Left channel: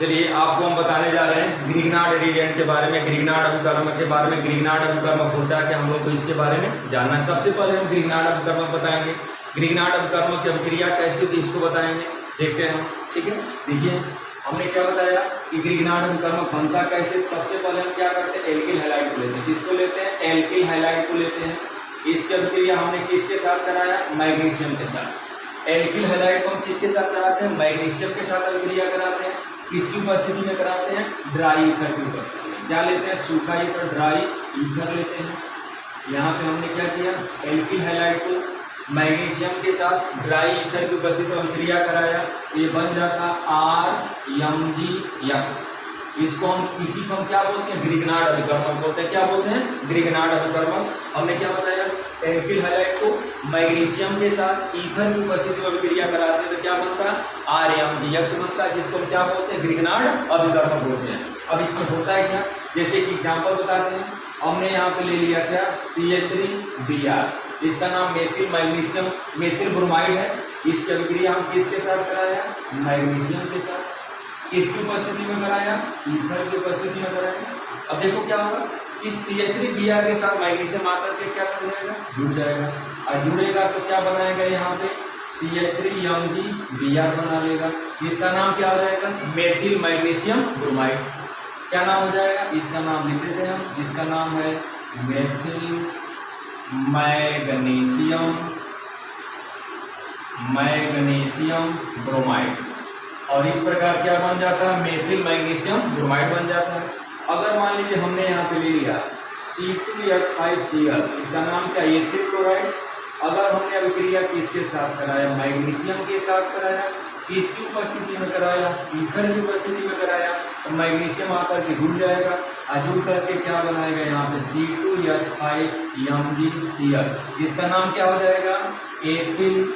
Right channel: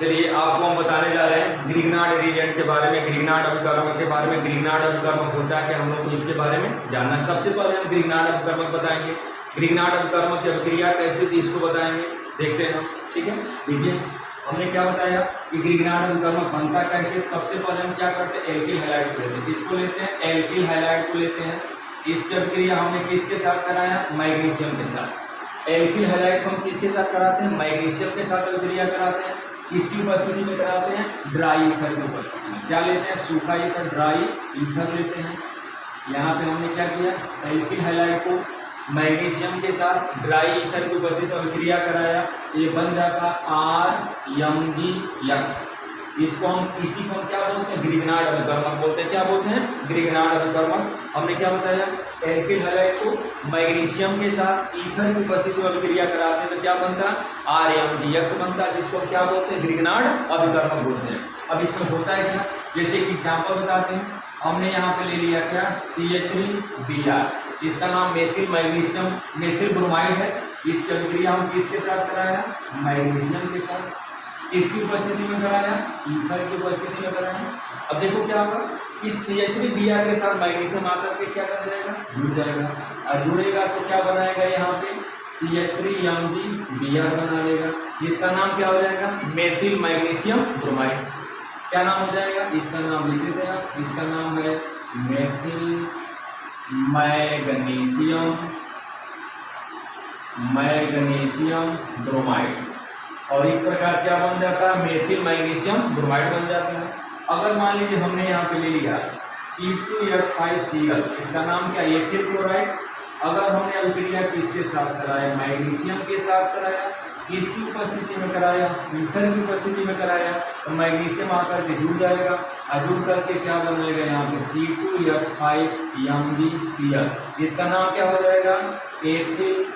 चलिए आपको हम बताने जा रहे हैं ग्रिग्नार्ड रिएजेंट के बारे में, ग्रिग्नार्ड अभिकर्मक के बारे में। ग्रिग्नार्ड अभिकर्मक होता है कि हम लोग को इसके बारे में जानना है। सबसे पहले हम ग्रिग्नार्ड अभिकर्मक बताएंगे। ग्रिग्नार्ड अभिकर्मक की अभिक्रिया कैसे थी इसको बताएंगे, देखते हैं हम। ठीक है, देखिए हमने क्या बताया कि ग्रिग्नार्ड अभिकर्मक बनता कैसे। सबसे पहले हम क्या करते हैं, एल्किल हैलाइड को लेते हैं। किसको लेते हैं, एल्किल हैलाइड को लेते हैं। इसकी अभिक्रिया हमने किसके साथ कराया, मैग्नीशियम के साथ। एल्किल हैलाइड को हम किसके साथ कराते हैं, मैग्नीशियम के साथ अभिक्रिया कराते हैं। किसकी उपस्थिति में कराते हैं, ड्राई ईथर की उपस्थिति में। क्या लेते हैं, सूखा ईथर, ड्राई ईथर लेते हैं। यहाँ पे हमने क्या किया, एल्किल हैलाइड को मैग्नीशियम के साथ ड्राई ईथर की उपस्थिति में अभिक्रिया कराया, ये बन जाता RMgX। इसको हम इसी को हम क्या बोलते हैं, ग्रिग्नार्ड अभिकर्मक बोलते हैं। क्या बोलते हैं, ग्रिग्नार्ड अभिकर्मक। हमने क्या बताया, एल्किल हैलाइड को मैग्नीशियम के साथ ईथर की उपस्थिति में अभिक्रिया कराते हैं तो क्या बनता है, RMgX बनता है, जिसको हम क्या बोलते हैं, ग्रिग्नार्ड अभिकर्मक बोलते हैं। अब इसमें होता है क्या, जैसे कि एग्जाम्पल बताते हैं। हमने यहाँ पे ले लिया क्या, CH3Br, इसका नाम मेथिल मैग्नीशियम मेथिल ब्रोमाइड है। इसकी अभिक्रिया हम किसके साथ कराया, मैग्नीशियम के साथ। किसकी उपस्थिति में कराया, ईथर की उपस्थिति में कराया। अब देखो क्या होगा, इस CH3Br के साथ मैग्नीशियम आकर के क्या कर जाएगा, जुड़ जाएगा। और जुड़ेगा तो क्या बनाएगा, यहाँ पे CH3MgBr बना लेगा। इसका नाम क्या हो जाएगा, मेथिल मैग्नीशियम ब्रोमाइड। क्या नाम हो जाएगा, इसका नाम लिख देते हैं हम। इसका नाम है मेथिल मैग्नीशियम ब्रोमाइड। और इस प्रकार क्या बन जाता है, मेथिल मैग्नीशियम ब्रोमाइड बन जाता है। अगर मान लीजिए हमने यहाँ पे ले लिया C2H5Cl, इसका नाम क्या, एथिल क्लोराइड। अगर हमने अभिक्रिया किसके साथ कराया, मैग्नीशियम के साथ कराया। किसकी उपस्थिति में कराया, ईथर की उपस्थिति में कराया, तो मैग्नीशियम आकर के जुड़ जाएगा। और जुड़ करके क्या बनाएगा, यहाँ पे C2H5MgCl। इसका नाम क्या हो जाएगा, एथिल।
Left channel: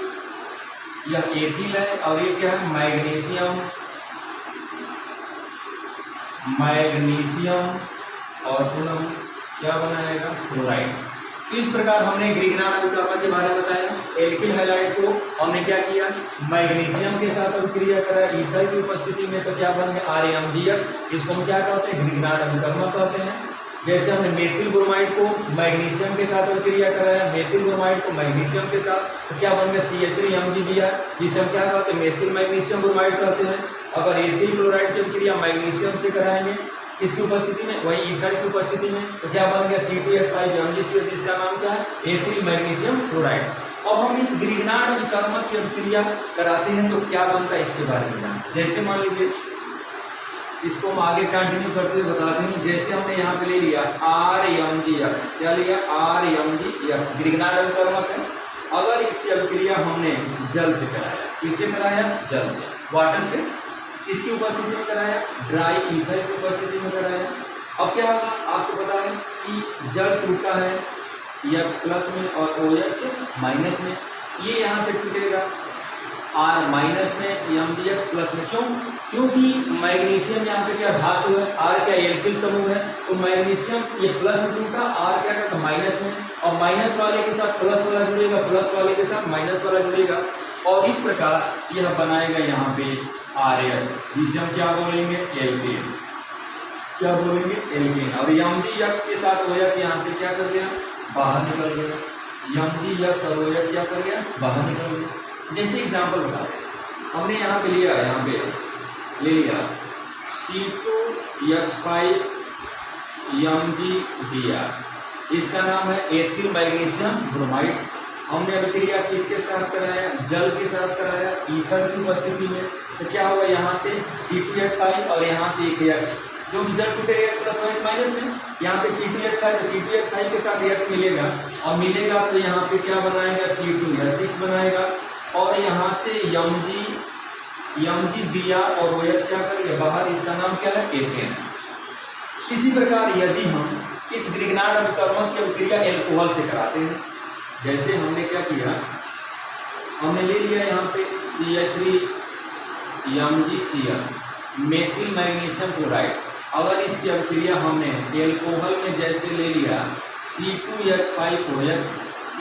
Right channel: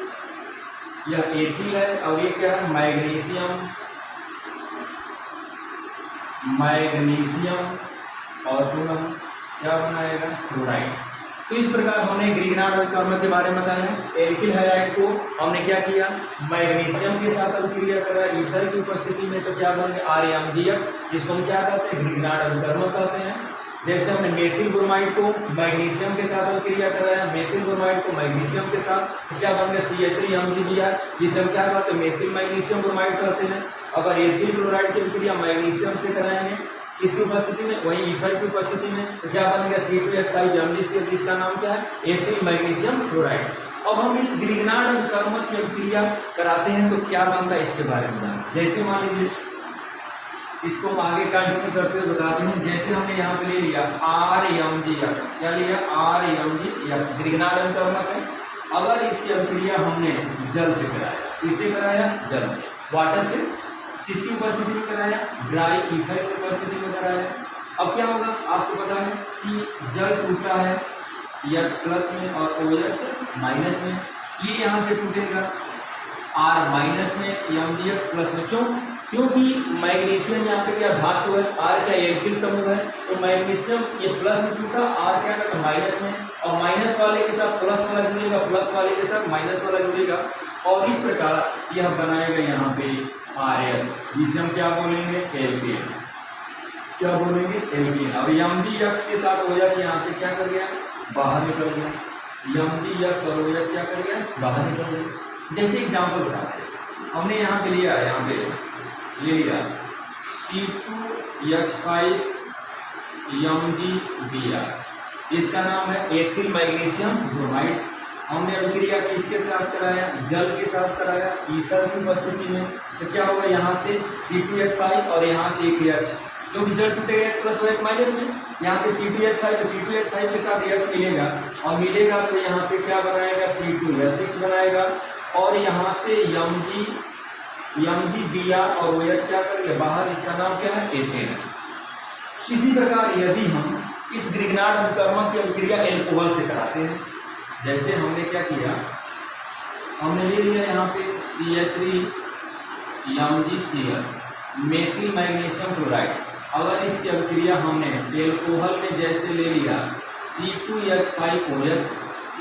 यह एथिल है और ये क्या है, मैग्नीशियम और पुनः क्या बनाएगा, क्लोराइड। तो इस प्रकार हमने ग्रिग्नार्ड अभिकर्मक के बारे में बताया। एल्किल हैलाइड को हमने क्या किया, मैग्नीशियम के साथ अभिक्रिया करा ईथर की उपस्थिति में, तो क्या बन गया, RMgX। इसको हम क्या कहते हैं, ग्रिग्नार्ड अभिकर्मक कहते हैं। जैसे हमने मेथिल ब्रोमाइड को मैग्नीशियम के साथ अभिक्रिया कराया, मेथिल ब्रोमाइड को मैग्नीशियम के साथ, तो क्या बन गया, CH3MgBr। इसे हम क्या कहते हैं, मेथिल मैग्नीशियम ब्रोमाइड कहते हैं। अगर एथिल क्लोराइड की अभिक्रिया मैग्नीशियम से कराएंगे किसकी उपस्थिति में, वही ईथर की उपस्थिति में, तो क्या बन गया, C2H5MgCl, जिसका नाम क्या है, एथिल मैग्नीशियम क्लोराइड। अब हम इस ग्रिग्नार्ड अभिकर्मक की अभिक्रिया कराते हैं तो क्या बनता है, इसके बारे में जानते हैं। जैसे मान लीजिए इसको हम आगे कंटिन्यू करते हुए बताते हैं। जैसे हमने यहाँ पे ले लिया RMgX, क्या लिया, RMgX ग्रिग्नार्ड अभिकर्मक है। अगर इसकी अभिक्रिया हमने जल से कराया, किससे कराया, जल से, वाटर से। किसकी उपस्थिति में कराया, ड्राई ईथर की उपस्थिति में कराया। अब क्या होगा, आपको पता है कि जल टूटता है H+ में और OH- में। ये यहाँ से टूटेगा R- में, MgX+ में। क्यों, क्योंकि मैग्नीशियम यहाँ पे क्या धातु है, R क्या एल्किल समूह है, तो मैग्नीशियम ये प्लस में टूटा, R क्या करता माइनस में, और माइनस वाले के साथ प्लस वाला जुड़ेगा, प्लस वाले के साथ माइनस वाला जुड़ेगा, और इस प्रकार यह बनाएगा यहाँ पे RH, जिसे हम क्या बोलेंगे, एल्केन। क्या बोलेंगे, एल्केन। अब MgX के साथ OH यहाँ पे क्या कर गया, बाहर निकल गया। MgX और OH क्या कर गया, बाहर निकल गया। जैसे एग्जाम्पल बताते हैं, हमने यहाँ पे लिया, यहाँ पे ले लिया C2H5MgBr, इसका नाम है एथिल मैग्नीशियम ब्रोमाइड। हमने अभिक्रिया किसके साथ कराया, जल के साथ कराया, ईथर की उपस्थिति में। तो क्या होगा, यहाँ से C2H5 और यहाँ से एक H, जो कि जल टूटेगा H+ OH- में। यहाँ पे C2H5 के साथ H मिलेगा, और मिलेगा तो यहाँ पे क्या बनाएगा, C2H6 बनाएगा, और यहाँ से MgBr और OH क्या करेगा, बाहर। इसका नाम क्या है, एथेन। इसी प्रकार यदि हम इस ग्रिग्नार्ड अभिकर्मक की अभिक्रिया एल्कोहल से कराते हैं, जैसे हमने क्या किया, हमने ले लिया यहाँ पे CH3MgCl मेथिल मैग्नीशियम क्लोराइड। अगर इसकी अभिक्रिया हमने एल्कोहल में जैसे ले लिया C2H5OH,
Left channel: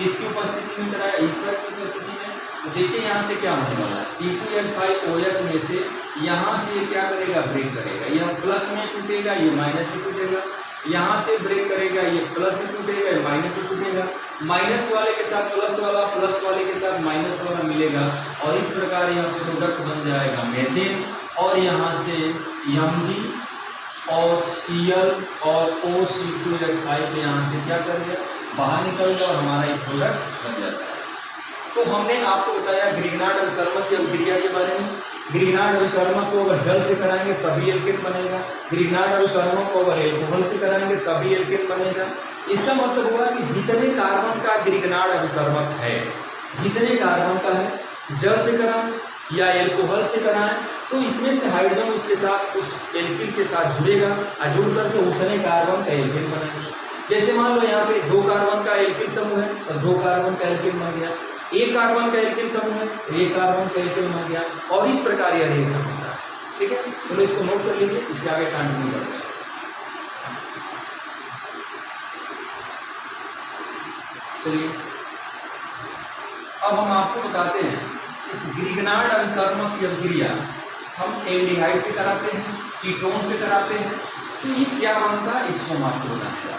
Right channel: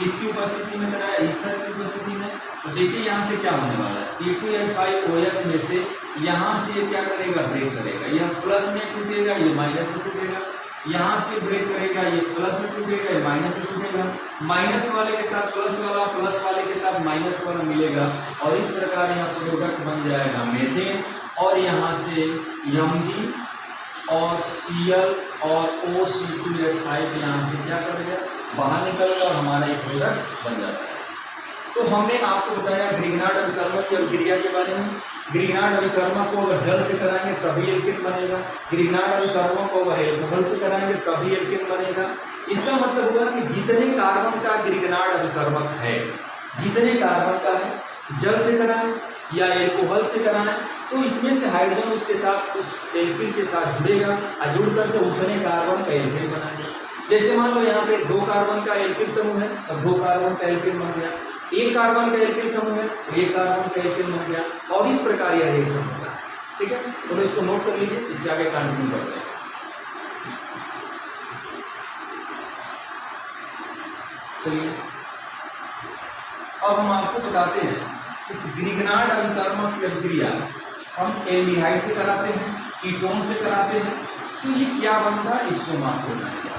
इसकी उपस्थिति में कराया, ईथर की उपस्थिति में, तो देखिए यहाँ से क्या होने वाला है, C2H5OH में से यहाँ से ये क्या करेगा, ब्रेक करेगा, यह प्लस में टूटेगा, ये माइनस में टूटेगा, यहाँ से ब्रेक करेगा, ये प्लस में टूटेगा, ये माइनस में टूटेगा, माइनस वाले के साथ प्लस वाला, प्लस वाले के साथ माइनस वाला मिलेगा और इस प्रकार यह प्रोडक्ट बन जाएगा मीथेन। और यहाँ से Mg और Cl और OC2H5 यहाँ से क्या करेगा, बाहर निकल गया और हमारा ये प्रोडक्ट बन जाता है। तो हमने आपको बताया ग्रिग्नार्ड अभिकर्मक की अभिक्रिया के बारे में। ग्रिग्नार्ड अभिकर्मक को अगर जल से कराएंगे तभी एल्केन बनेगा, ग्रिग्नार्ड अभिकर्मक को अगर एल्कोहल से कराएंगे तभी एल्केन बनेगा। इसका मतलब हुआ कि जितने कार्बन का ग्रिग्नार्ड अभिकर्मक है, जितने कार्बन का है, जल से कराएं या एल्कोहल से कराएं तो इसमें से हाइड्रोजन उसके साथ उस एल्किन के साथ जुड़ेगा और जुड़ करके उतने कार्बन का एल्किन बनाएगा। जैसे मान लो यहाँ पे 2 कार्बन का एल्किन समूह है तो 2 कार्बन का एल्किन बन गया, 1 कार्बन का एल्किन समूह है 1 कार्बन का एल्किन बन गया और इस प्रकार यह रिएक्शन होता है। ठीक है, तो इसको नोट कर लीजिए, इसके आगे कंटिन्यू करते हैं। चलिए अब हम आपको बताते हैं इस ग्रिग्नार्ड अभिकर्मक की अभिक्रिया हम एल्डिहाइड से कराते हैं, कीटोन से कराते हैं, तो ये क्या बनता है इसको हम आपको बताते हैं।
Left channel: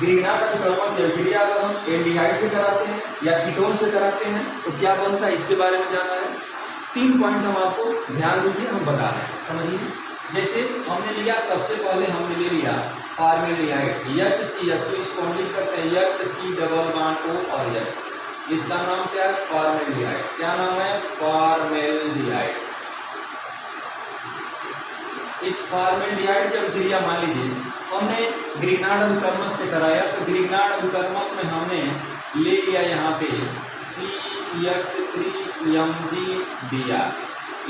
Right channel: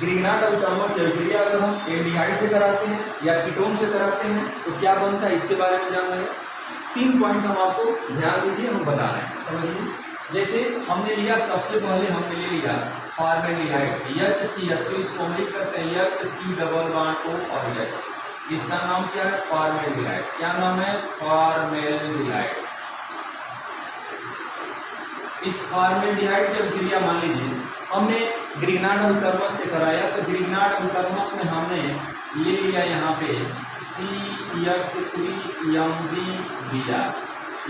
ग्रिग्नार्ड अभिकर्मक की अभिक्रिया अगर हम एल्डिहाइड से कराते हैं या कीटोन से कराते हैं तो क्या बनता है इसके बारे में जानना है। 3 पॉइंट हम आपको ध्यान दीजिए, हम बता रहे हैं, समझिए। जैसे हमने लिया, सबसे पहले हमने ले लिया फॉर्मेल्डिहाइड HCl, तो इसको हम लिख सकते हैं HC⋯O और H, इसका नाम क्या है, फॉर्मेल्डिहाइड। क्या नाम है, फॉर्मेल्डिहाइड। इस फॉर्मेल्डिहाइड की अभिक्रिया मान लीजिए हमने ग्रिग्नार्ड अभिकर्मक से कराया तो ग्रिग्नार्ड अभिकर्मक में हमने ले लिया यहाँ पे CH3Mg दिया,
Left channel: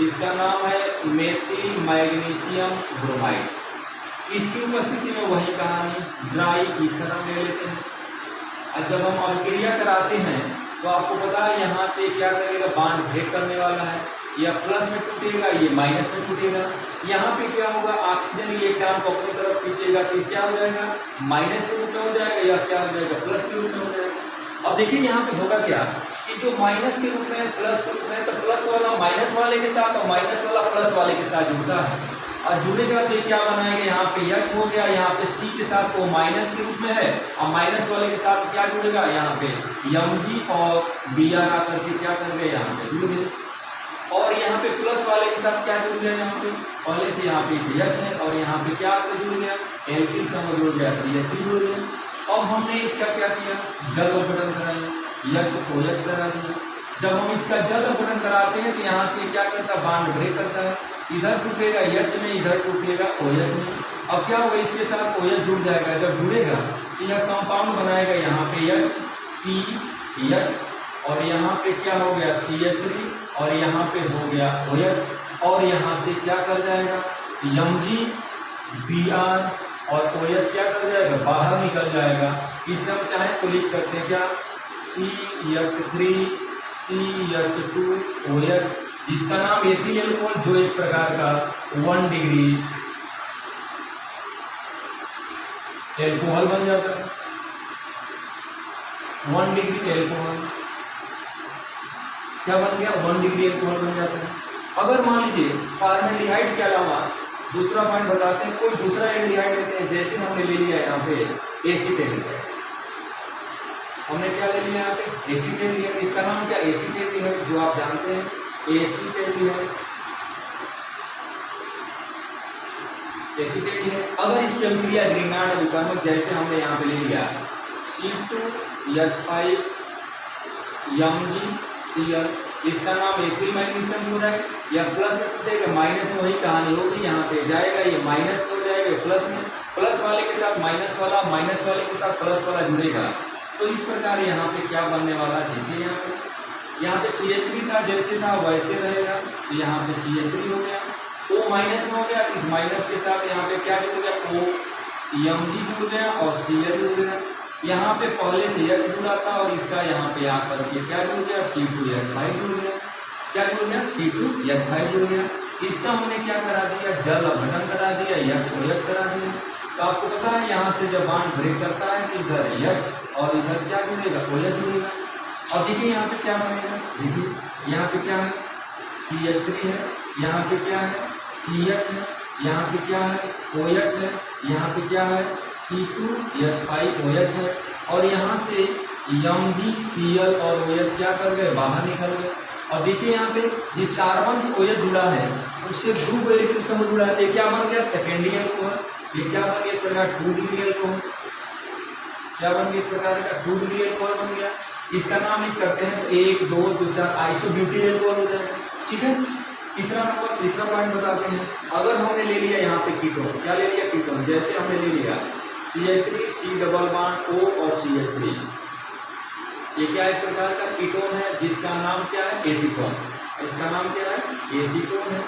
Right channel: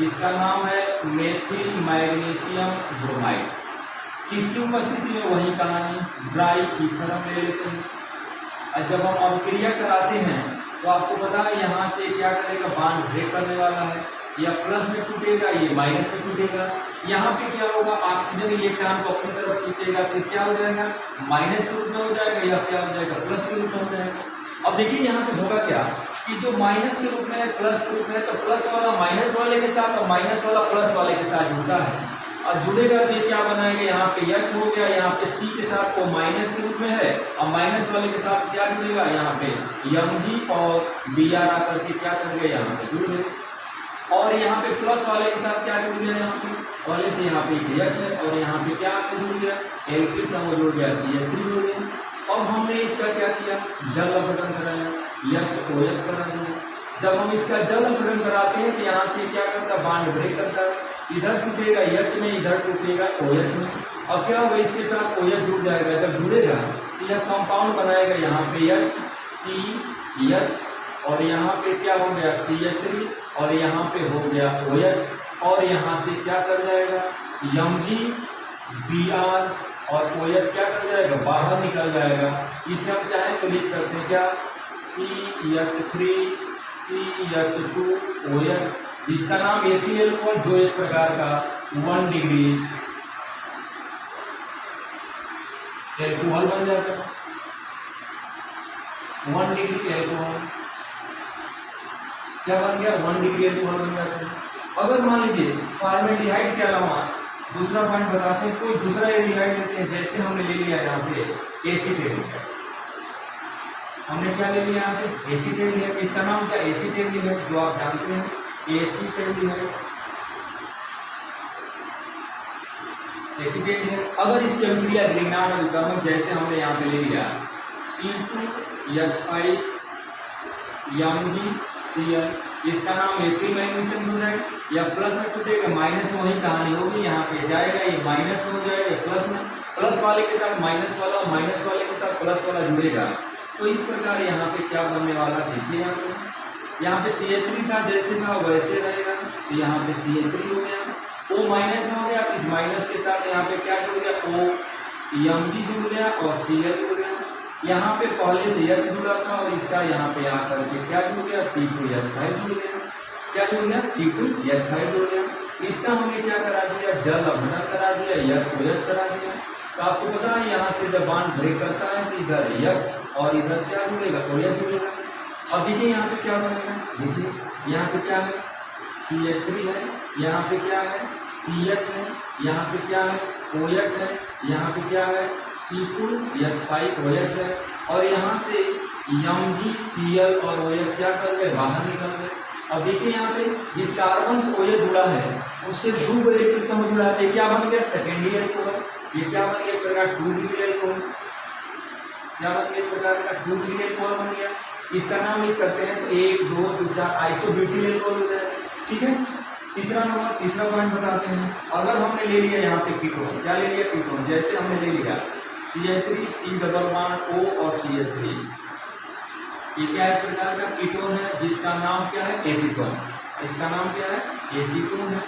इसका नाम है मेथिल मैग्नीशियम ब्रोमाइड। इसकी उपस्थिति में वही कहानी, ड्राई ईथर हम ले लेते हैं। और जब हम अभिक्रिया कराते हैं तो आपको पता है यहाँ से क्या करेगा, बांड ब्रेक करने वाला है, या प्लस में टूटेगा, ये माइनस में टूटेगा। यहाँ पे क्या होगा, ऑक्सीजन इलेक्ट्रॉन को अपनी तरफ खींचेगा तो क्या हो जाएगा, माइनस के रूप में हो जाएगा, या क्या हो जाएगा, प्लस के रूप में हो जाएगा। अब देखिए यहाँ पे होगा क्या कि जो माइनस के रूप में है, प्लस के रूप में है, तो प्लस वाला माइनस वाले के साथ और माइनस वाला प्लस वाले के साथ जुड़ता है और जुड़ेगा तो ये क्या बनाएगा, यहाँ पे H हो गया, यहाँ पे C के साथ वो माइनस के रूप में है और माइनस वाले के साथ क्या जुड़ेगा, यहाँ पे Mg और Br आकर के क्या कर गए, यहाँ पे जुड़ गए। और यहाँ पे प्लस वाले के साथ क्या जुड़ गया, यहाँ पे पहले से यहाँ पे H है और यहाँ पे क्या आकर जुड़ गया, एल्किल समूह जुड़ गया, CH3 जुड़ गया। अब हमने इसका क्या किया, जल अपघटन कराया, HOH करा दिया। जब हम इसका जल अपघटन कराते हैं तो यहाँ से क्या करता है, बांड ब्रेक करता है, इधर टूटेगा H में, इधर टूटेगा OH में। अब क्या होगा, इसके साथ OH जुड़ जाएगा, जब जुड़ेगा तो यह कंपाउंड बनाएगा, यहाँ पे HCH और यहाँ पे क्या हो गया, CH3 और यहाँ पे हो गया OH और यहाँ से क्या कर जाएगा, Mg Br और OH क्या कर जाएगा, बाहर निकल जाएगा। इसे हम चाहें तो लिख सकते हैं क्या, CH3 CH2 OH, जिसका नाम एथिल एल्कोहल, जो एक प्रकार का 1 डिग्री एल्कोहल बन जाता है, 1 डिग्री एल्कोहल क्या बन गया, 1 डिग्री एल्कोहल बन जाता है। अगर मान लीजिए फॉर्मेल्डिहाइड के अलावा दूसरा पॉइंट बताते हैं, कोई दूसरा एल्डिहाइड लेते हैं, जैसे हमने ले लिया यहाँ पे एसीटेट, हमने क्या ले लिया यहाँ पे एसीटेट, इसका नाम क्या, एसीटेट, जो आप जानते हैं एसीटेट, एसीटेट है। अगर इसकी अभिक्रिया ग्रिग्नार्ड अभिकर्मक जैसे हमने यहाँ पे ले लिया C2H5 MgCl, इसका नाम एथिल मैग्नीशियम क्लोराइड, या प्लस में टूटेगा, माइनस में वही कहानी होगी, यहाँ पे जाएगा, ये माइनस में हो जाएगा, प्लस में, प्लस वाले के साथ माइनस वाला, माइनस वाले के साथ प्लस वाला जुड़ेगा। तो इस प्रकार यहाँ पे क्या बनने वाला, देखिए यहाँ पे CH3 था, जैसे था वैसे रहेगा, तो यहाँ पे CH3 हो गया, O माइनस में हो गया, इस माइनस के साथ यहाँ पे क्या जुड़ गया, O Mg जुड़ गया और Cl जुड़ गया। यहाँ पे पहले से H जुड़ा था और इसका यहाँ पे आकर के क्या जुड़ गया, C2H5 जुड़ गया, क्या जुड़ गया, C2H5 जुड़ गया। इसका हमने क्या करा दिया, जल अपघटन करा दिया, HOH करा दिया। तो आपको पता है यहाँ से जब बांड ब्रेक करता है तो इधर H और इधर क्या जुड़ेगा, OH जुड़ेगा। अब देखिए यहाँ पे क्या बनेगा, देखिए यहाँ पे क्या है CH3 है, यहाँ पे क्या है CH है, यहाँ पे क्या है OH है, यहाँ पे क्या है C2H5OH है, और यहाँ से MgCl और OH क्या कर गए, बाहर निकल गए। अब देखिए यहाँ पे जिस कार्बन से OH जुड़ा है उससे ग्रुप इलेक्ट्रिक समूह जुड़ा है, क्या बन गया सेकेंडरी अल्कोहल। ये क्या बन गया, एक प्रकार 2 डिग्री अल्कोहल, क्या बन गया, एक प्रकार का 2 डिग्री अल्कोहल बन गया। इसका नाम लिख सकते हैं तो 1 2 2 4 आइसोब्यूटिल अल्कोहल हो जाएगा। ठीक है, तीसरा नंबर, तीसरा पॉइंट बताते हैं। अगर हमने ले लिया यहाँ पे कीटोन, क्या ले लिया कीटोन, जैसे हमने ले लिया CH3 C double bond O और CH3, ये क्या एक प्रकार का कीटोन है जिसका नाम क्या है एसीटोन, इसका नाम क्या है एसीटोन है।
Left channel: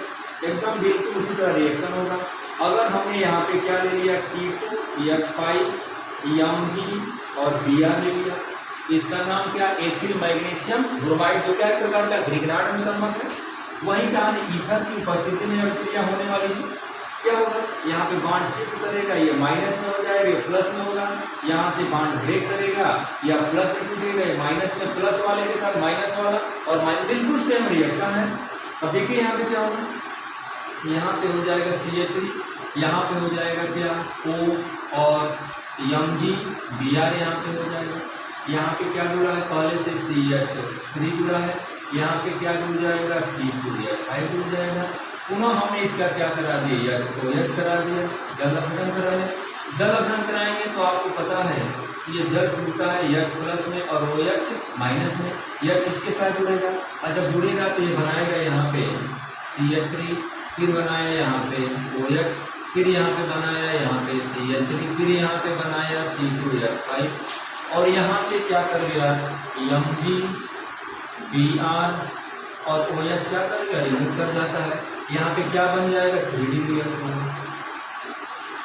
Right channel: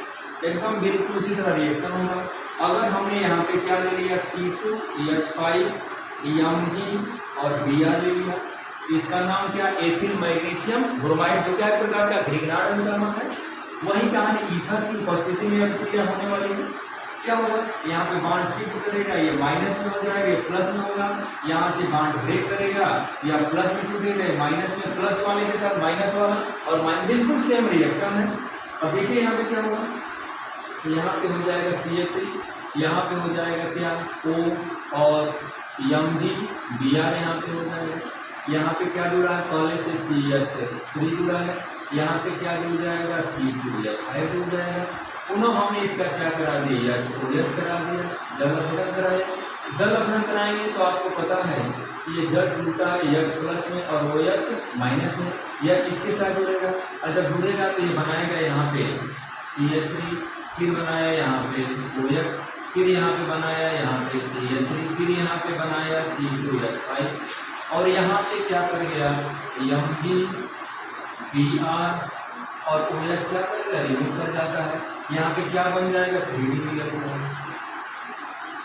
एकदम बिल्कुल उसी तरह रिएक्शन होगा। अगर हमने यहाँ पे क्या ले लिया C2H5 Mg और Br ले लिया, इसका नाम क्या एथिल मैग्नीशियम ब्रोमाइड, जो क्या एक प्रकार का ग्रिग्नार्ड अभिकर्मक है। वही कहानी ईथर की उपस्थिति में अभिक्रिया होने वाली है। क्या होगा, यहाँ पे बांड शिफ्ट करेगा, ये माइनस में हो जाएगा, ये प्लस में होगा, यहाँ से बांड ब्रेक करेगा या प्लस में टूटेगा, माइनस में प्लस वाले के साथ माइनस वाला और माइनस, बिल्कुल सेम रिएक्शन है। अब देखिए यहाँ पे क्या होगा, यहाँ पे हो जाएगा CH3, यहाँ पे हो जाएगा क्या O और Mg Br यहाँ पे हो जाएगा। यहाँ पे क्या जुड़ा है, पहले से CH3 जुड़ा है, यहाँ पे क्या जुड़ जाएगा C2H5 जुड़ जाएगा। पुनः हमने इसका क्या करा दिया, OH करा दिया, जल अपघटन कराया। जल अपघटन कराएंगे तो आपको पता है ये जल जुड़ता है H प्लस में और OH माइनस में, H इसके साथ जुड़ेगा, और जब जुड़ेगा तो ये बनाएगा यहाँ पे CH3, फिर बनाया यहाँ पे OH, फिर यहाँ पे बनाया यहाँ पे CH3, फिर यहाँ पे बनाया C2H5, और यहाँ से क्या कर गया Mg Br और OH क्या करेगा, रिमूव कर जाता है। यहाँ पे क्या बन जाएगा 3 डिग्री अल्कोहल,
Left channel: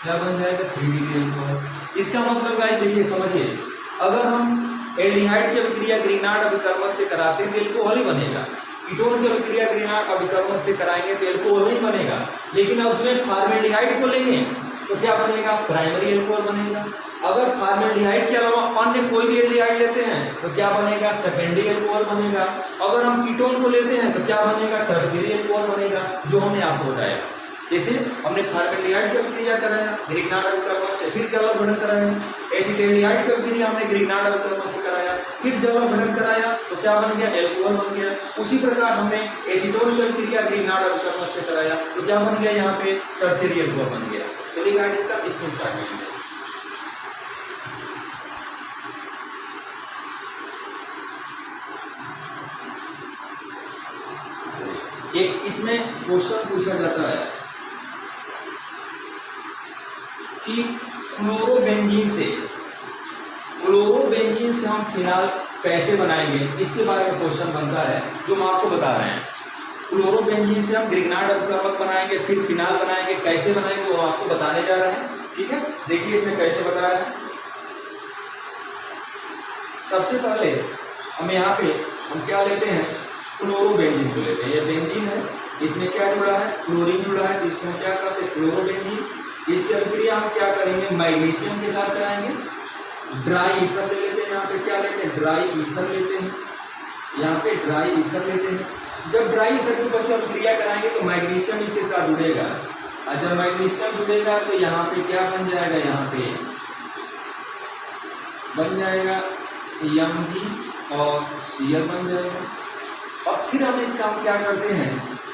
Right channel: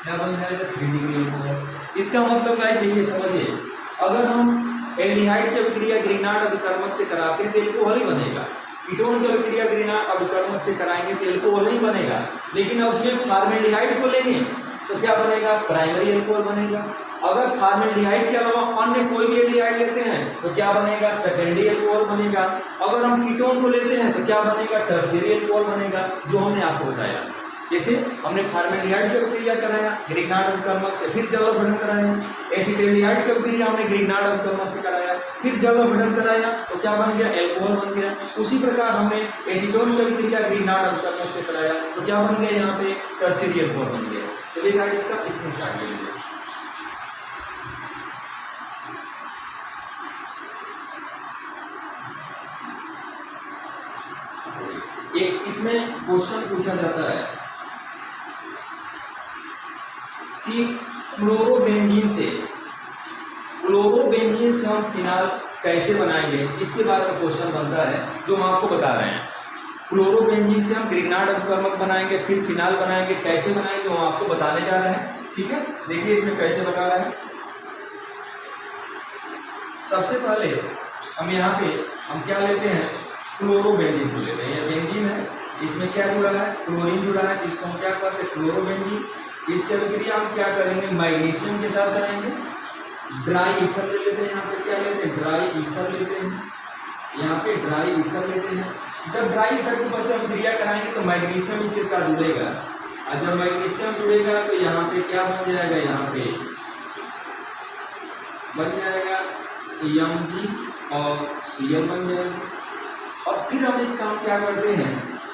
क्या बन जाएगा 3 डिग्री अल्कोहल। इसका मतलब गाइस देखिए समझिए, अगर हम एल्डिहाइड की अभिक्रिया ग्रिग्नार्ड अभिकर्मक से कराते हैं तो एल्कोहल ही बनेगा। कीटोन की अभिक्रिया ग्रिग्नार्ड अभिकर्मक से कराएंगे तो एल्कोहल नहीं बनेगा, लेकिन उसमें फॉर्मेल्डिहाइड को लेंगे तो क्या बनेगा, प्राइमरी एल्कोहल बनेगा। अगर फॉर्मेल्डिहाइड के अलावा अन्य कोई भी एल्डिहाइड लेते हैं तो क्या बनेगा, सेकेंडरी एल्कोहल बनेगा। अगर हम कीटोन को लेते हैं तो क्या बनेगा, टर्शियरी एल्कोहल बनेगा, जो हमने आपको बताया। जैसे हमने फॉर्मेल्डिहाइड की अभिक्रिया कराया ग्रिग्नार्ड अभिकर्मक से, फिर जल अपघटन कराया। एसिटाल्डिहाइड की अभिक्रिया हमने ग्रिग्नार्ड अभिकर्मक से कराया, फिर जल अपघटन कराया तो क्या बन गया, एल्कोहल बन गया। उसी प्रकार हमने एसीटोन की अभिक्रिया ग्रिग्नार्ड अभिकर्मक से कराया तो क्या बन गया, यहाँ पे टर्शियरी एल्कोहल बन गया। चलिए गाइस इसका स्क्रीनशॉट ले लीजिए। एक इसमें क्वेश्चन पूछा जाता है कि क्लोरोबेंजीन से हम फिनाल कैसे बनाएंगे, इसके बारे में क्वेश्चन बनता है जो हम आपको बता रहे हैं। क्लोरोबेंजीन से हम ग्रिग्नार्ड अभिकर्मक बनाएंगे, फिर फिनाल बनाएंगे, कैसे बनाएंगे वो आपको बताने जा रहे हैं। ठीक है, देखिए इसमें कैसे बता रहे हैं। सबसे पहले हम यहाँ पे हम क्या लेते हैं, क्लोरोबेंजीन को लेते हैं। ये बेंजीन है, इसमें क्या जुड़ा है, क्लोरीन जुड़ा है, इसको हम क्या करते हैं क्लोरोबेंजीन। इसकी अभिक्रिया हम क्या करेंगे, मैग्नीशियम के साथ कराएंगे। ड्राई ईथर ले लेते हैं, यहाँ पे क्या लेते हैं, ड्राई ईथर लेते हैं, यहाँ पे ड्राई ईथर लेते हैं। जब ड्राई ईथर के ऊपर अभिक्रिया कराएंगे तो मैग्नीशियम इसके साथ जुड़ेगा, और जब मैग्नीशियम जुड़ेगा तो यहाँ पे क्या बन जाएगा, यहाँ पे बन जाएगा Mg और Cl बन जाएगा। और फिर हम इसका हम क्या करते हैं,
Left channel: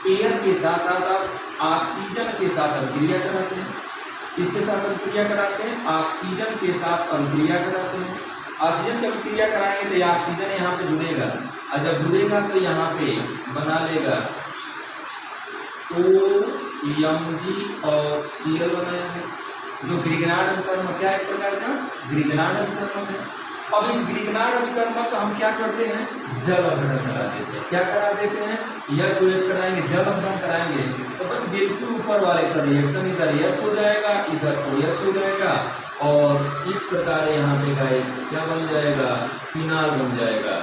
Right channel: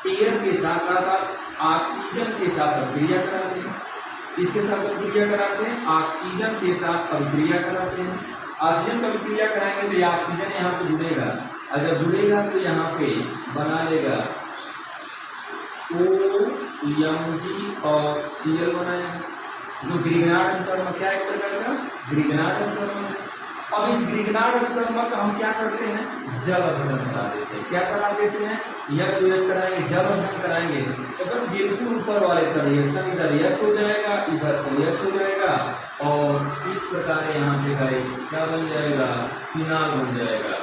एयर के साथ ऑक्सीजन के साथ अभिक्रिया कराते हैं। इसके साथ अभिक्रिया कराते हैं, ऑक्सीजन के साथ अभिक्रिया कराते हैं। ऑक्सीजन की अभिक्रिया कराएंगे तो ये ऑक्सीजन यहाँ पे जुड़ेगा, और जब जुड़ेगा तो यहाँ पे बना लेगा OMg और Cl बनाएगा, जो ग्रिग्नार्ड अभिकर्मक क्या एक प्रकार का ग्रिग्नार्ड अभिकर्मक है। अब इस ग्रिग्नार्ड अभिकर्मक का हम क्या करते हैं, जल अपघटन करा देते हैं। क्या करा देते हैं, OH कराएंगे, जल अपघटन कराएंगे तो बिल्कुल ऊपर वाले का रिएक्शन इधर H हो जाएगा, इधर OH हो जाएगा, और इस प्रकार यहाँ पे गाइस क्या बन जाएगा, फिनाल बन जाएगा।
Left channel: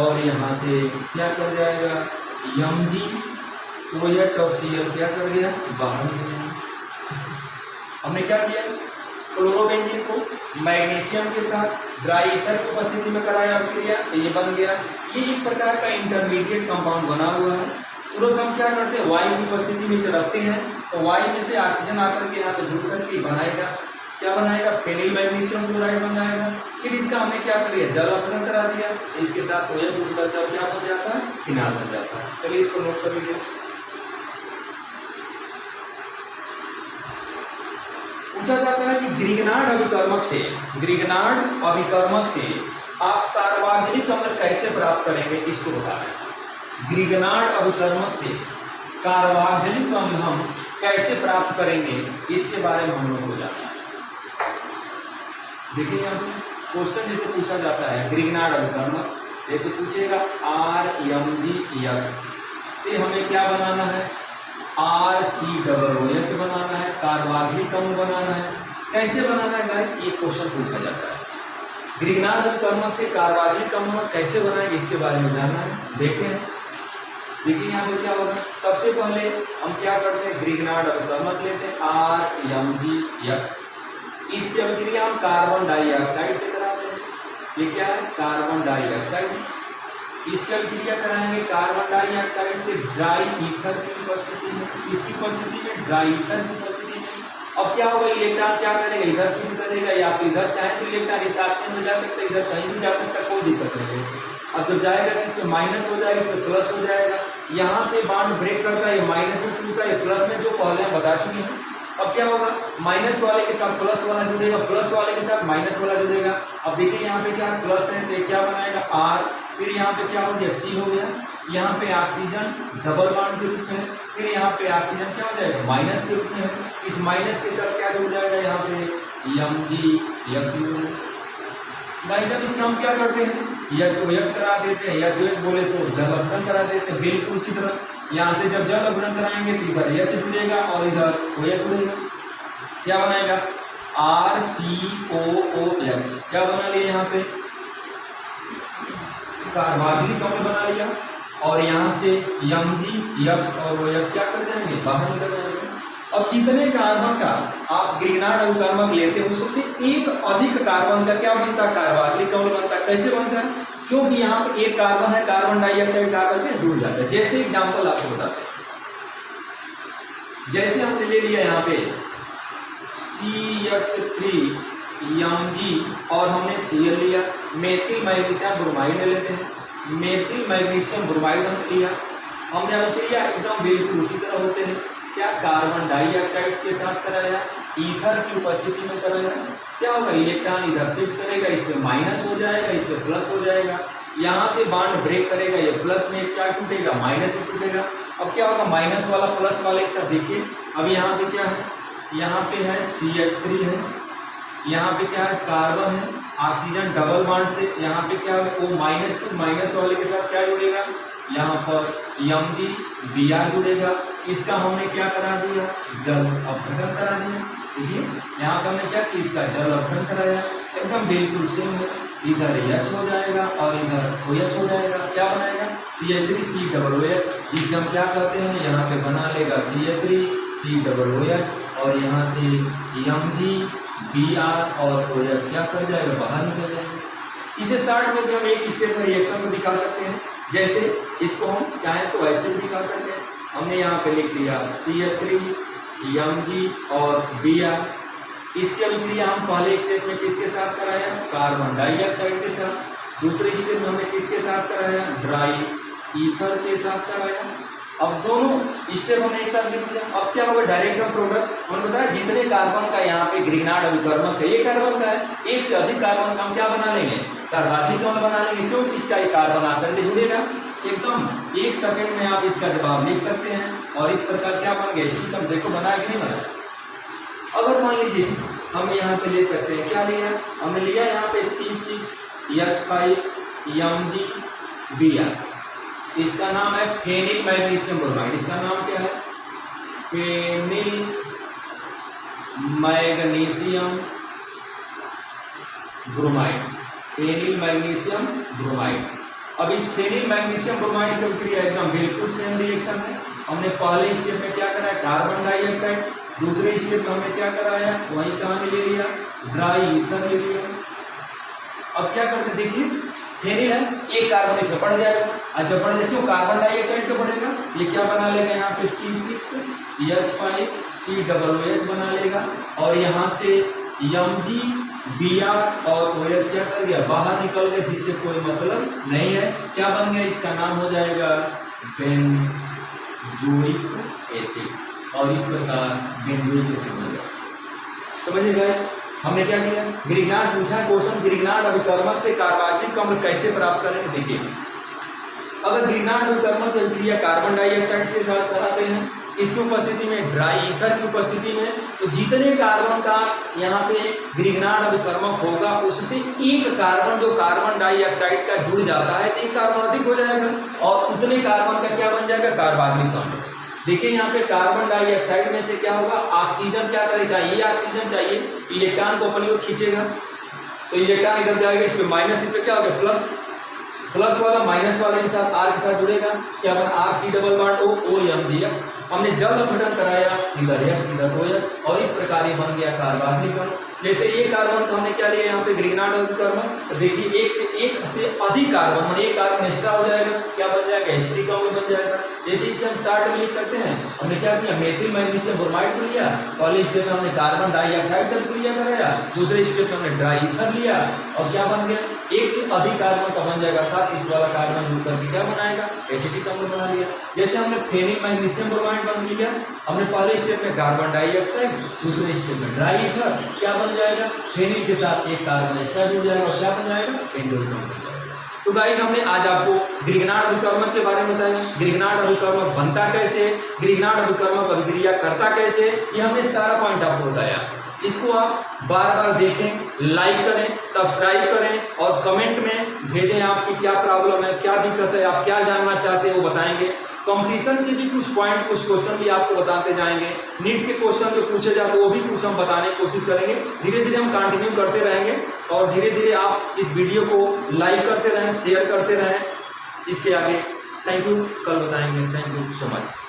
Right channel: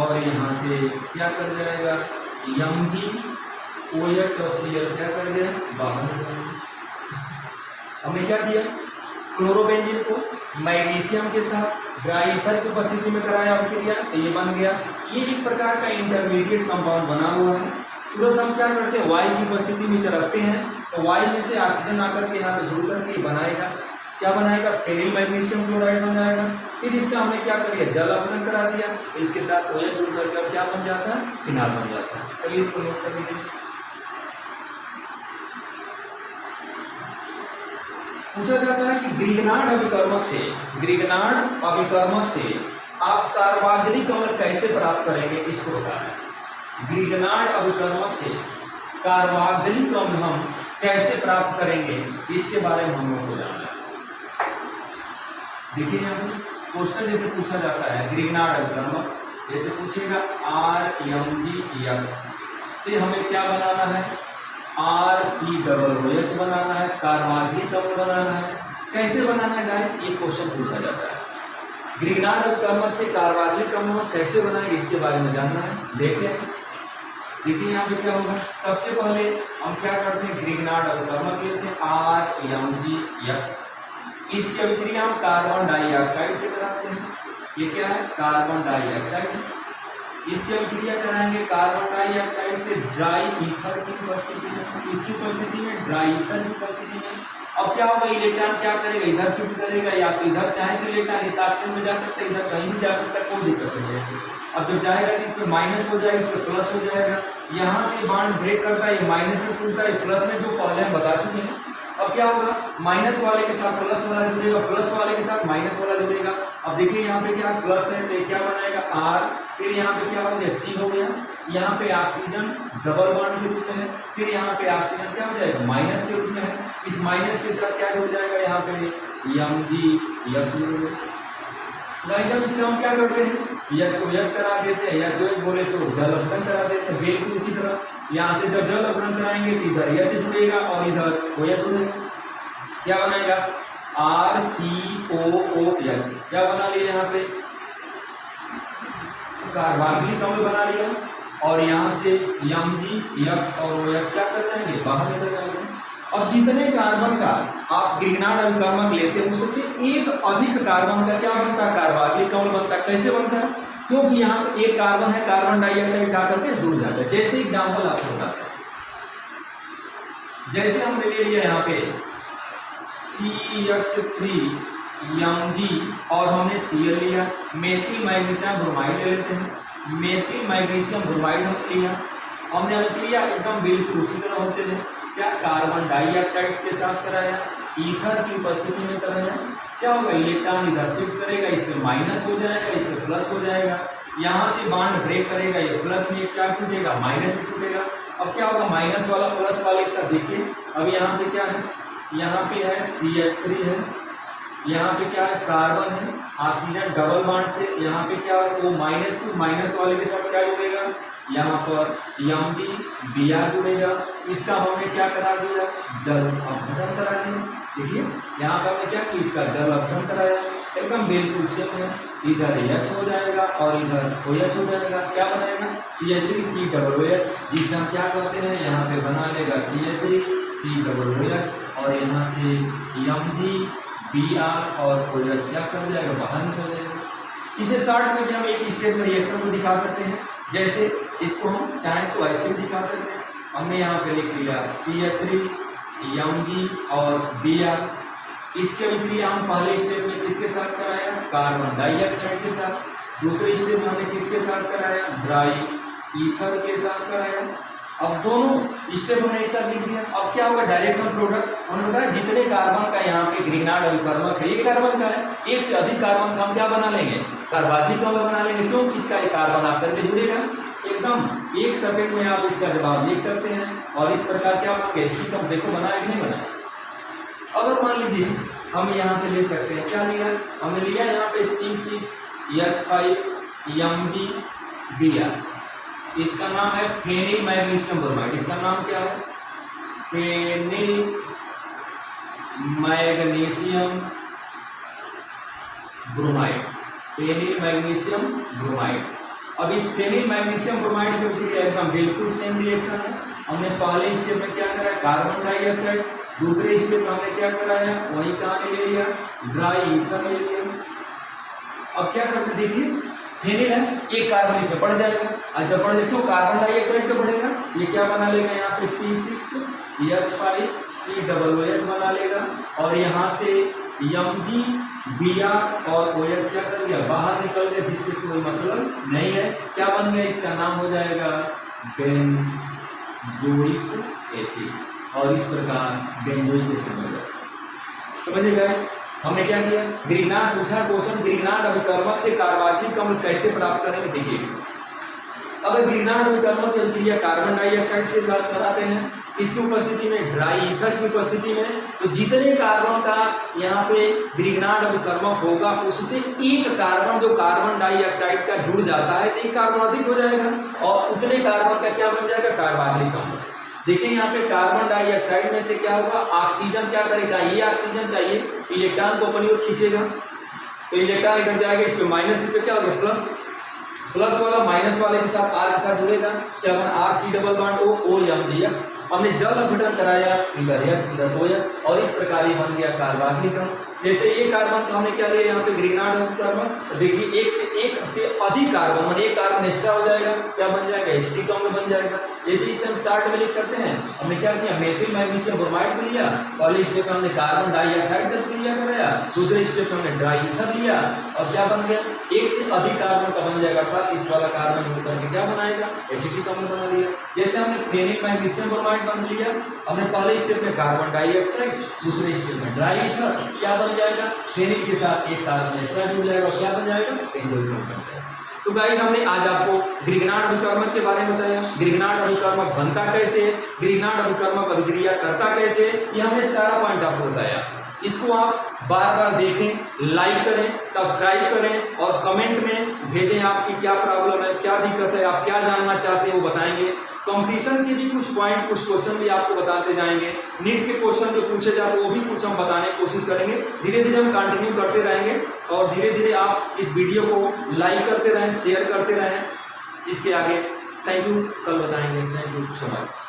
और यहाँ से क्या कर जाएगा, Mg OH और Cl क्या कर गया, बाहर निकल गया। हमने क्या किया, क्लोरोबेंजीन को मैग्नीशियम के साथ ड्राई ईथर की उपस्थिति में कराया अभिक्रिया, तो ये बन गया। ये एक प्रकार का इंटरमीडिएट कंपाउंड बना हुआ है। तुरंत हम क्या करते हैं, वायु की उपस्थिति में से रखते हैं, तो वायु में से ऑक्सीजन आकर के यहाँ पे जुड़ करके बनाएगा, क्या बनाएगा, फेनिल मैग्नीशियम क्लोराइड बन जाएगा। फिर इसका हमने क्या कर दिया, जल अपघटन करा दिया, इसके साथ OH जुड़ करके अब क्या बन जाता है, फिनाल बन जाता है। चलिए इसको नोट कर लीजिए। पूछा जाता है कि ग्रिगनार्ड अभिकर्मक से आप कार्बोक्सिलिक अम्ल कैसे प्राप्त करेंगे, इसको बताएं। ग्रिगनार्ड अभिकर्मक से कार्बोक्सिलिक अम्ल हम कैसे प्राप्त करेंगे, इसके बारे में हम लोग को जानना है। देखिए यहाँ पर क्वेश्चन जैसे पूछा जाता है, ग्रिगनार्ड अभिकर्मक जैसे पूछेगा RMgX से हमें क्या बनाना है, RCOOH बनाना है, कार्बोक्सिलिक अम्ल बनाना है। कैसे बनाना है गाइस, ये क्वेश्चन पूछा जाता है। ग्रिगनार्ड अभिकर्मक से कार्बोक्सिलिक अम्ल कैसे बनाएंगे, इसके बारे में जानना है। देखते हैं, देखिए यहाँ पे क्या होगा। सबसे पहले हम क्या करते हैं, ग्रिगनार्ड अभिकर्मक लेते हैं RMgX, इसकी अभिक्रिया हम कार्बन डाइऑक्साइड से कराते हैं। ये क्या है, कार्बन डाइऑक्साइड। इसकी अभिक्रिया कराएंगे कार्बन डाइऑक्साइड से ड्राई ईथर की उपस्थिति में, इसकी उपस्थिति में, ड्राई ईथर की उपस्थिति में। अब क्या होगा, इलेक्ट्रॉन क्या करेगा, इधर शिफ्ट करेगा, या तो इधर चाहे तो इलेक्ट्रॉन इस ऑक्सीजन में जा सकता है, इधर कहीं भी जा सकता है, कोई दिक्कत नहीं है। अब जब जाएगा तो इसमें माइनस हो जाएगा, इसमें प्लस हो जाएगा। यहाँ से बॉन्ड ब्रेक करता है, ये माइनस में टूटता है, प्लस में जो पहले हम बता चुके हैं। अब क्या होगा, माइनस वाले के साथ प्लस वाला जुड़ेगा, प्लस वाले के साथ माइनस वाला जुड़ेगा। अब देखिए यहाँ पे क्या प्लस है, तो ये क्या बनाएगा R, फिर यहाँ पे क्या हो गया, C हो गया। यहाँ पे ऑक्सीजन डबल बॉन्ड के रूप में है, फिर यहाँ पे ऑक्सीजन क्या हो जाएगा, माइनस के रूप में है। इस माइनस के साथ क्या जुड़ जाएगा, यहाँ पे MgX जुड़ेगा। जब इसका हम क्या करते हैं, HOH करा देते हैं, HOH बोले तो जल अपघटन करा देते हैं। बिल्कुल उसी तरह यहाँ से जब जल अपघटन कराएंगे तो इधर H जुड़ेगा और इधर OH जुड़ेगा, क्या बनाएगा, RCOOH। क्या बना लिया, यहाँ पे कार्बोक्सिलिक अम्ल बना लिया, और यहाँ से MgX और OH क्या कर जाएंगे, बाहर निकल जाएंगे। अब जितने कार्बन का आप ग्रिगनार्ड अभिकर्मक लेते हैं, उससे एक अधिक कार्बन का क्या बनता है, कार्बोक्सिलिक अम्ल बनता है। कैसे बनता है, क्योंकि यहाँ पे एक कार्बन है, कार्बन डाइऑक्साइड क्या करते हैं, जुड़ जाते हैं। जैसे एग्जाम्पल आपको बताते हैं, जैसे हमने ले लिया यहाँ पे CH3Mg और हमने Cl लिया, मेथिल मैग्नीशियम ब्रोमाइड ले लेते हैं, मेथिल मैग्नीशियम ब्रोमाइड हमने लिया। हमने अभिक्रिया एकदम बिल्कुल उसी तरह होते हैं, क्या कार्बन डाइऑक्साइड के साथ कराया, ईथर की उपस्थिति में कराया। क्या होगा, इलेक्ट्रॉन इधर शिफ्ट करेगा, इसमें माइनस हो जाएगा, इसमें प्लस हो जाएगा। यहाँ से बॉन्ड ब्रेक करेगा, ये प्लस में क्या टूटेगा, माइनस में टूटेगा। अब क्या होगा, माइनस वाला प्लस वाले के साथ देखिए, अब यहाँ पे क्या है, यहाँ पे है CH3 है, यहाँ पे क्या है, कार्बन है, ऑक्सीजन डबल बॉन्ड से यहाँ पे क्या है, O माइनस वाले के साथ क्या जुड़ेगा, यहाँ पर MgBr जुड़ेगा। इसका हमने क्या करा दिया, जल अपघटन करा दिया। देखिए यहाँ पर हमने क्या किया, इसका जल अपघटन कराया, एकदम बिल्कुल सेम है। इधर H हो जाएगा और इधर OH हो जाएगा, क्या बनाएगा, CH3COOH, जिसे हम क्या करते हैं, यहाँ पे बना लेगा CH3COOH, और यहाँ से MgBr और OH क्या कर जाएगा, बाहर निकल जाएगा। इसे शॉर्ट में भी हम एक स्टेप में रिएक्शन को दिखा सकते हैं, जैसे इसको हम चाहें तो ऐसे भी दिखा सकते हैं। हमने यहाँ पे लिख लिया CH3Mg और Br। इसकी अभिक्रिया हम पहले स्टेप में किसके साथ कराया, कार्बन डाइऑक्साइड के साथ। दूसरे स्टेप में हमने किसके साथ कराया, ड्राई ईथर के साथ कराया। अब दोनों स्टेप हमने एक साथ लिख दिया। अब क्या होगा, डायरेक्ट हम प्रोडक्ट, हमने बताया जितने कार्बन का यहाँ पे ग्रिगनार्ड अभिकर्मक है, एक कार्बन का है, एक से अधिक कार्बन का हम क्या बना लेंगे, कार्बोक्सिलिक अम्ल बना लेंगे। क्यों, इसका एक कार्बन आकर के जुड़ेगा, एकदम 1 सेकंड में आप इसका जवाब लिख सकते हैं। और इस प्रकार क्या बन गया, स्टिक देखो बनाया कि नहीं बनाया। अगर मान लीजिए हम यहाँ पे ले सकते हैं, क्या लिया, हमने लिया यहाँ पे C6H5MgBr, इसका नाम है फेनिल मैग्नीशियम ब्रोमाइड। इसका नाम क्या है, phenyl magnesium bromide, phenyl magnesium bromide. अब इस फेनिल मैग्नीशियम ब्रोमाइड की अभिक्रिया एकदम बिल्कुल सेम रिएक्शन है। हमने पहले स्टेप में क्या करा, कार्बन डाइऑक्साइड दूसरे स्टेप में हमने क्या कराया, वही कहानी ले लिया, ड्राई ईथर ले लिया। अब क्या करते देखिए, फेनिल है, एक कार्बन इसमें बढ़ जाएगा, और जब बढ़ जाए क्यों, कार्बन डाइऑक्साइड का बढ़ेगा, ये क्या बना लेगा यहाँ पे C6H5COOH बना लेगा, और यहाँ से MgBr और OH क्या कर गया, बाहर निकल गया, जिससे कोई मतलब नहीं है। क्या बन गया, इसका नाम हो जाएगा बेंजोइक एसिड, और इस प्रकार बेंजोइक एसिड बन जाएगा। समझिए गाइस, हमने क्या किया, ग्रिग्नार्ड पूछा क्वेश्चन, ग्रिग्नार्ड अभिकर्मक से कार्बनिक अम्ल कैसे प्राप्त करेंगे। देखिए, अगर ग्रिग्नार्ड अभिकर्मक की अभिक्रिया कार्बन डाइऑक्साइड से साथ कराते हैं, इसकी उपस्थिति में, ड्राई ईथर की उपस्थिति में, तो जितने कार्बन का यहाँ पे ग्रिग्नार्ड अभिकर्मक होगा, उससे एक कार्बन जो कार्बन डाइऑक्साइड का जुड़ जाता है, तो एक कार्बन अधिक हो जाएगा, और उतने कार्बन का क्या बन जाएगा, कार्बनिक अम्ल। देखिए यहाँ पे कार्बन डाइऑक्साइड में से क्या होगा, ऑक्सीजन क्या करेगा, ये ऑक्सीजन चाहिए, इलेक्ट्रॉन को अपनी ओर खींचेगा, तो इलेक्ट्रॉन इधर जाएगा, इस पे माइनस, इस पे क्या हो गया प्लस, प्लस वाला माइनस वाले के साथ आर के साथ जुड़ेगा, क्या बना RC⋅O दिया। हमने जब अपघटन कराया, इधर H इधर OH, और इस प्रकार ये बन गया कार्बनिक अम्ल। जैसे ये कार्बन का हमने क्या लिया यहाँ पे, ग्रिग्नार्ड अभिकर्मक, तो देखिए एक से अधिक कार्बन, मतलब एक कार्बन एक्स्ट्रा हो जाएगा, क्या बन जाएगा, एसिटिक अम्ल बन जाएगा। जैसे इसे हम शॉर्ट में लिख सकते हैं, हमने क्या किया, मेथिल मैग्नीशियम ब्रोमाइड को लिया, पहले स्टेप में हमने कार्बन डाइऑक्साइड से क्रिया कराया, दूसरे स्टेप में हमने ड्राई ईथर लिया, और क्या बन गया, एक से अधिक कार्बन का बन जाएगा, अर्थात इस वाला कार्बन मिल करके क्या बनाएगा, एसिटिक अम्ल बना लिया। जैसे हमने फेनिल मैग्नीशियम ब्रोमाइड बन लिया, हमने पहले स्टेप में कार्बन डाइऑक्साइड, दूसरे स्टेप में ड्राई ईथर, क्या बन जाएगा, फेनिल के साथ एक कार्बन एक्स्ट्रा जुड़ जाएगा, और क्या बन जाएगा, बेंजोइक अम्ल बन जाएगा। तो गाइस, हमने आज आपको ग्रिग्नार्ड अभिकर्मक के बारे में बताया, ग्रिग्नार्ड अभिकर्मक बनता कैसे, ग्रिग्नार्ड अभिकर्मक अभिक्रिया करता कैसे, ये हमने सारा पॉइंट आपको बताया। इसको आप बार बार देखें, लाइक करें, सब्सक्राइब करें, और कमेंट में भेजें आपकी क्या प्रॉब्लम है, क्या दिक्कत है, आप क्या जानना चाहते हैं वो बताएंगे। कंपटीशन के भी कुछ पॉइंट, कुछ क्वेश्चन भी आपको बताते जाएंगे, नीट के क्वेश्चन जो पूछे जाते हैं वो भी कुछ हम बताने की कोशिश करेंगे। धीरे धीरे हम कंटिन्यू करते रहेंगे, और धीरे धीरे आप इस वीडियो को लाइक करते रहें, शेयर करते रहें। इसके आगे थैंक यू, कल बताएंगे। Thank you so much.